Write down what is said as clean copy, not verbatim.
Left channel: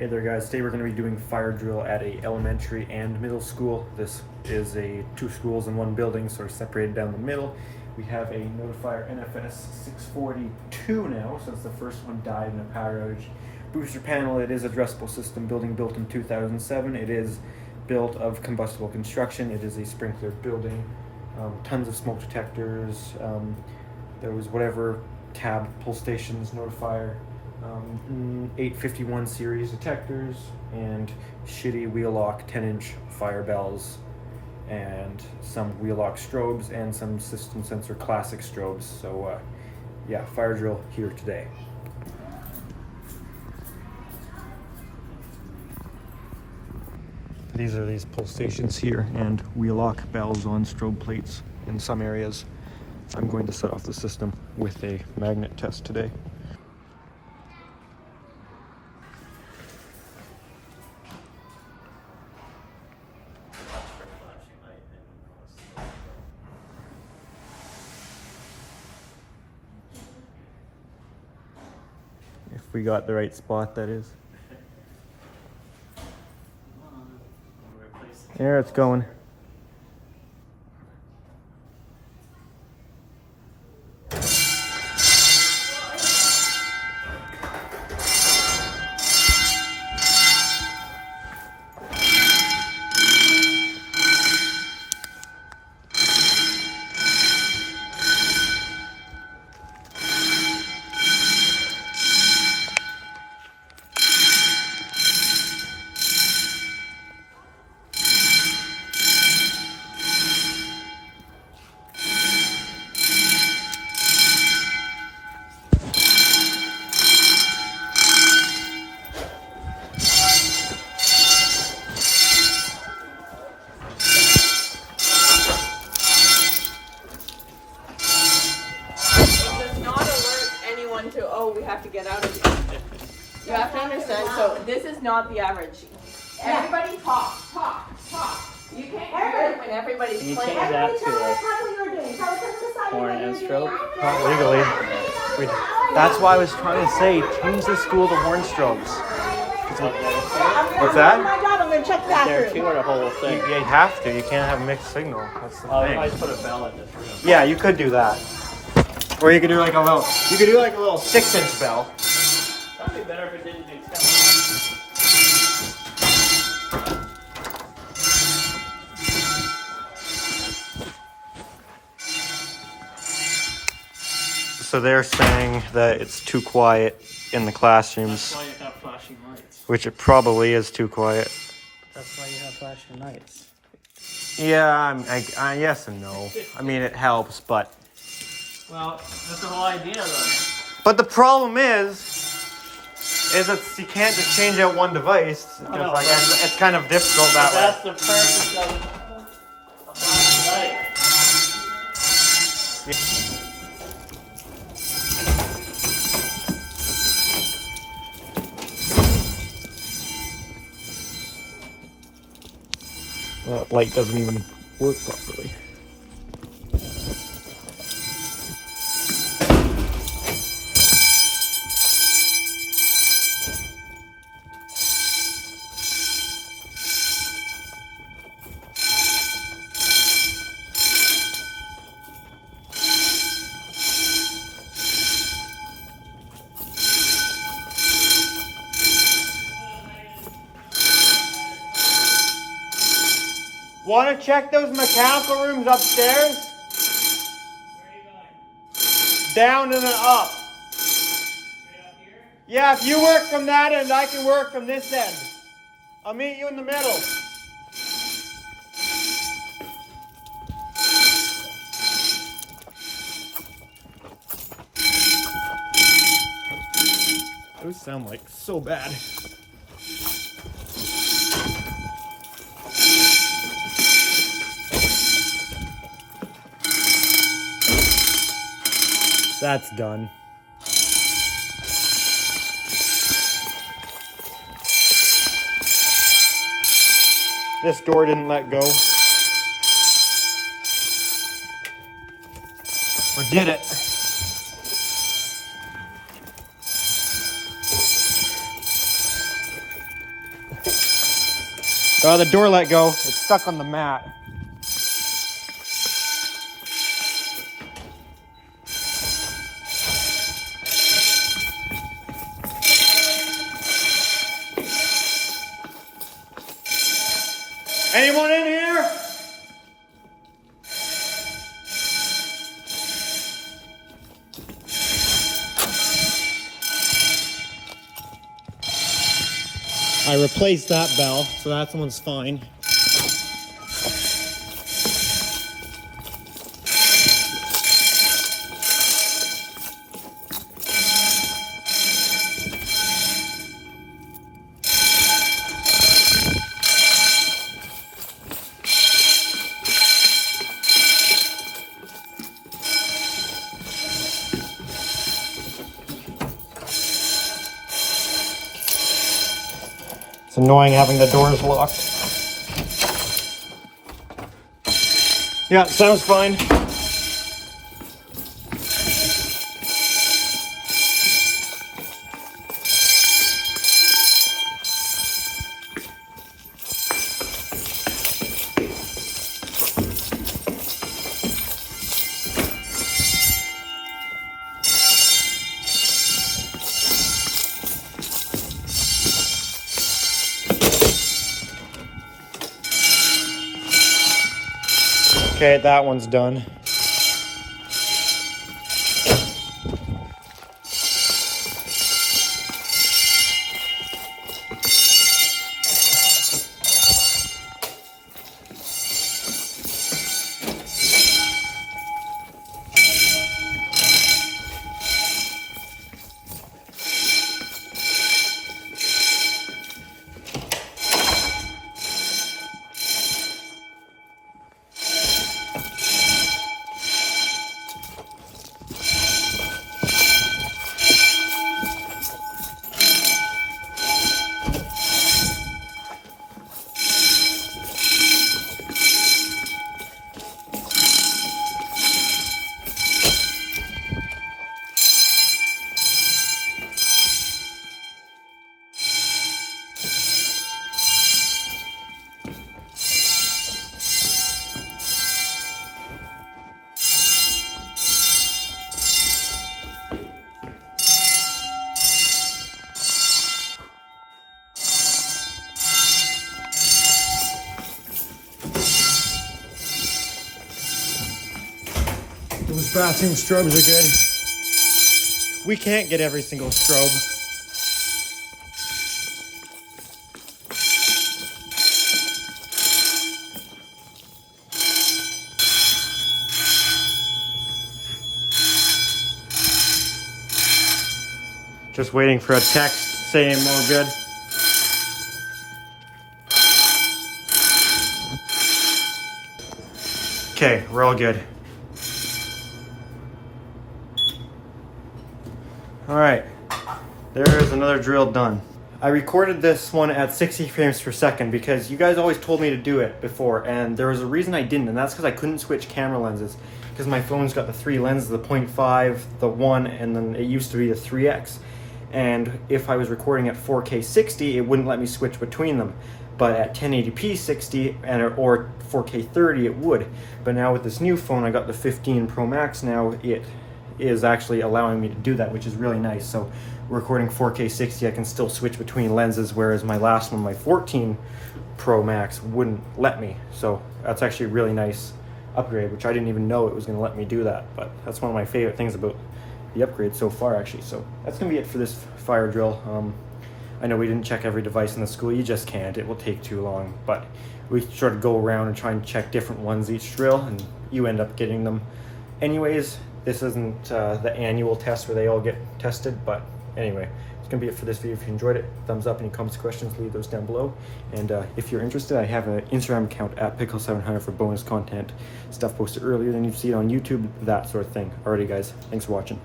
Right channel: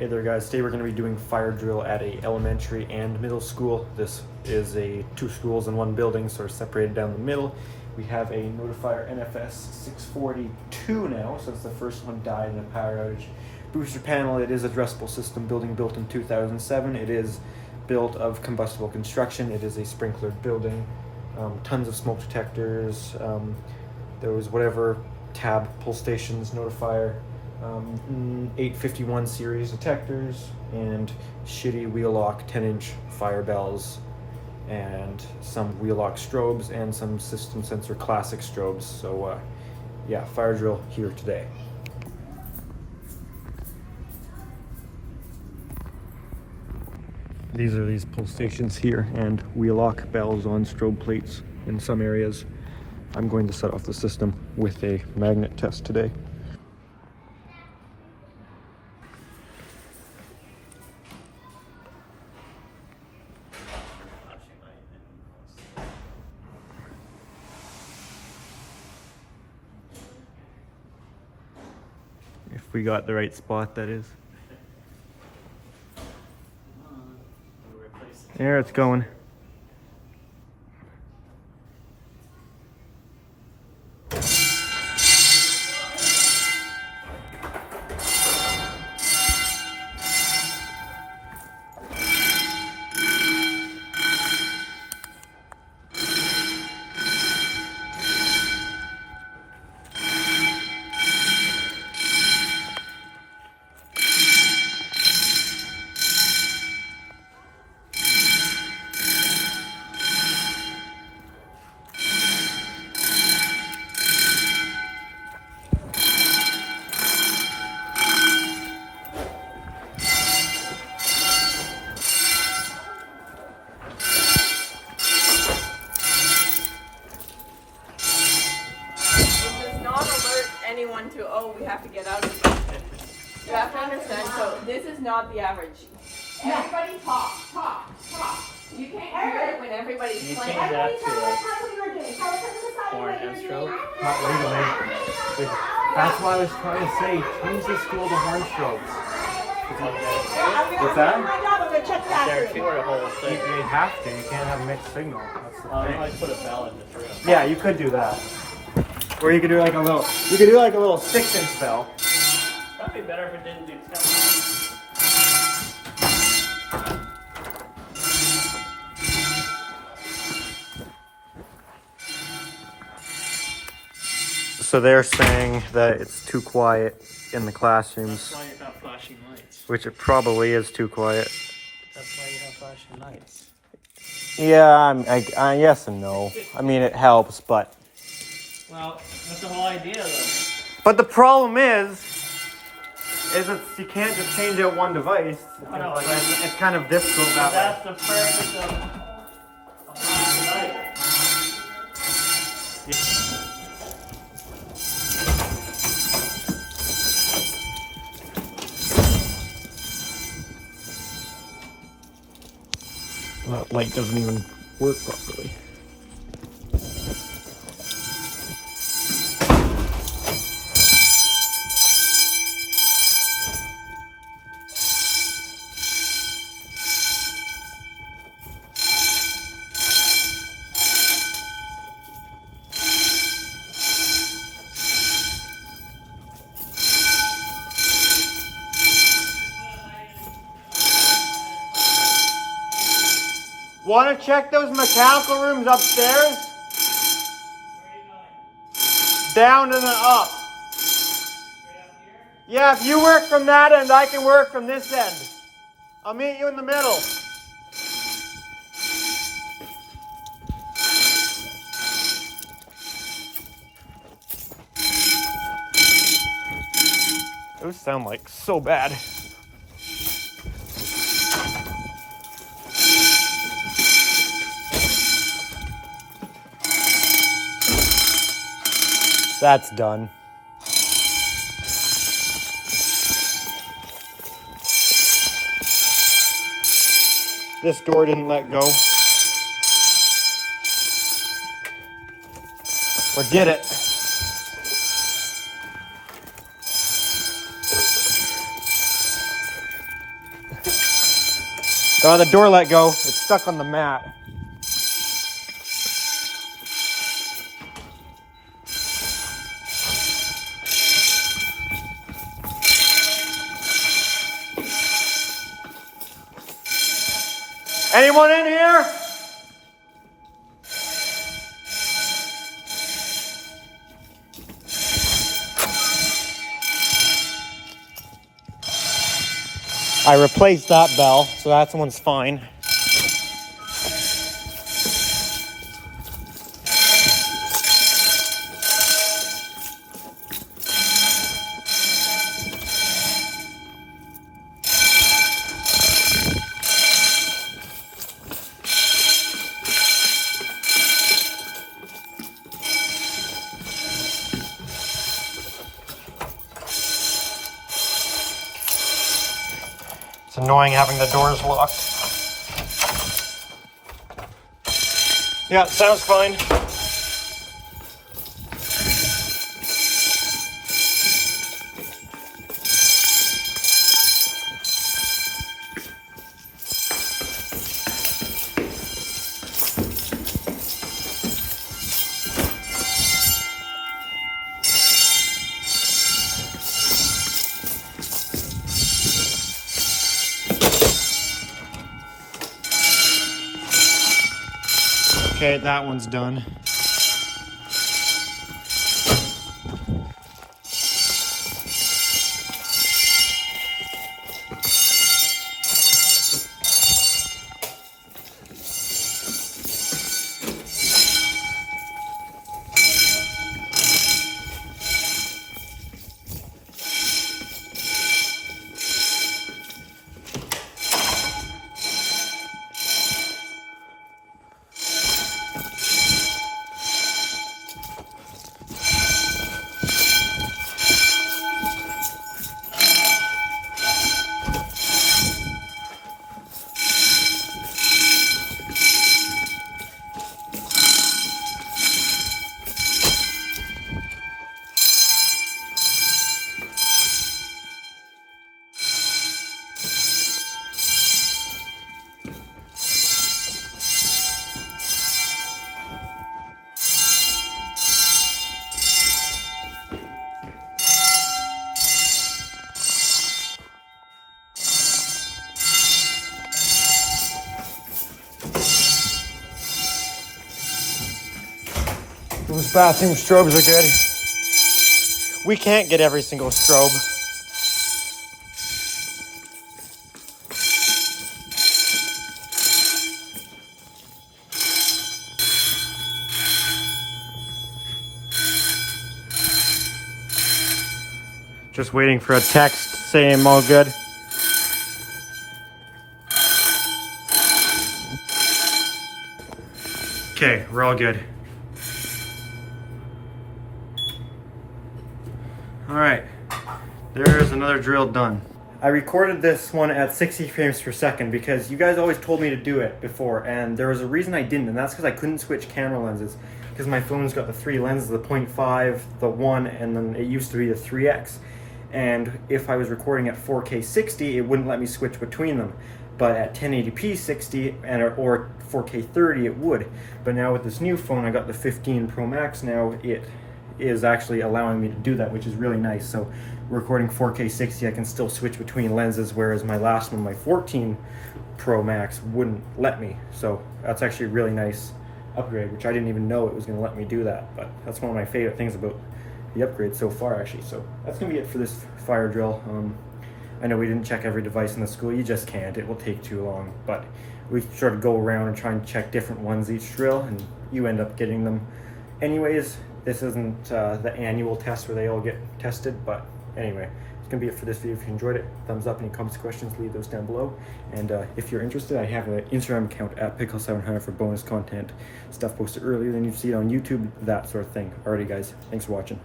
Hey there guys, today we're going to be doing fire drill at a elementary and middle school. This is a 2 schools in 1 building, sort of separated down the middle. We have a Notifier NFS 642 now, so it's the first one died in a power outage. Booster panel, it is a addressable system building built in 2007. It is built of combustible construction. It is a sprinklered building. Tons of smoke detectors. There was whatever tab, pull stations, Notifier. 851 series detectors and shitty wheel lock 10-inch fire bells and some wheel lock strobes and some system sensor classic strobes. So yeah, fire drill here today. These are these pull stations here and wheel lock bells on strobe plates in some areas. I'm going to set off the system with a magnet test today. If we got the right spot, that is. There it's going. To, oh, we have to get out of here. You have to understand, so this is not the average. Everybody talk. You can't hear it when everybody's Can you playing. change that to horn and strobe? Not legally. That's why I was trying to say, change the school to horn strobes. What's that? Up there too, or the whole thing? You have to. You can't have mixed signal. That's the Oh, you thing. might put a bell in this room. Yeah, you could do that. Or you could do like a little. You could do like a little 6-inch bell. Probably better if it didn't do 10. So they're saying that it's too quiet in the classrooms, That's why you have flashing lights. which it probably is too quiet. That's why you have flashing lights. Yeah, I yes and no. I mean, it helps, but. Well, that's the whole idea, though. But the problem is that you can't just change out one device. Because like it's kind of difficult that way. That's the purpose of a flashing light. Well, that light doesn't even work properly. Want to check those mechanical rooms upstairs? Where are you going? Down and then up. Straight up here? Yeah, if you work from that end, I can work from this end. I'll meet you in the middle. Those sound like so bad. That's done. This door didn't let go. Or did it? Oh, the door let go. It's stuck on the mat. Anyone in here? I replaced that bell, so that one's fine. It's annoying having the doors locked. Yeah, sounds fine. Okay, that one's done. Those bathroom strobes are good. We can't get every single strobe. Just waiting for a text saying I'm all good. Okay, we're all good. All right, there's another drill done. I recorded this one at 60 frames per second because you guys always told me to do it before, and there was a reason I didn't, and that's because I couldn't switch camera lenses because my phone's got the 3 lenses, the 0.5, the 1, and then it used to be the 3x. And if I was recording at 4K 60, it wouldn't let me switch between them. But at 1080p 60 or 4K 30, it would. But now with this new phone, I got the 15 Pro Max now, it is actually allowing me to do that, which is really nice. So recording 4K 60, I can still switch between lenses, whereas my last one, my 14 Pro Max, wouldn't let me. So that's actually a really nice upgrade, which I didn't even know it was going to let me do that. But that's one of my favorite things about the upgrade so far, actually. So that's going to be it for this fire drill. I know we didn't check every device in the school. You just can't. It will take too long. But we sort of go around and try and check different ones each drill, and you end up getting them anyways. This isn't the annual test where they all get tested, but anyway, it's going to be it for this video. If you enjoyed it, thumbs up. Any comments, questions, leave those down below. And if you're interested, I have an Instagram account at Pickle700 for bonus content, stuff posted earlier than you've seen on YouTube, that sort of thing. Alrighty guys, thanks for watching.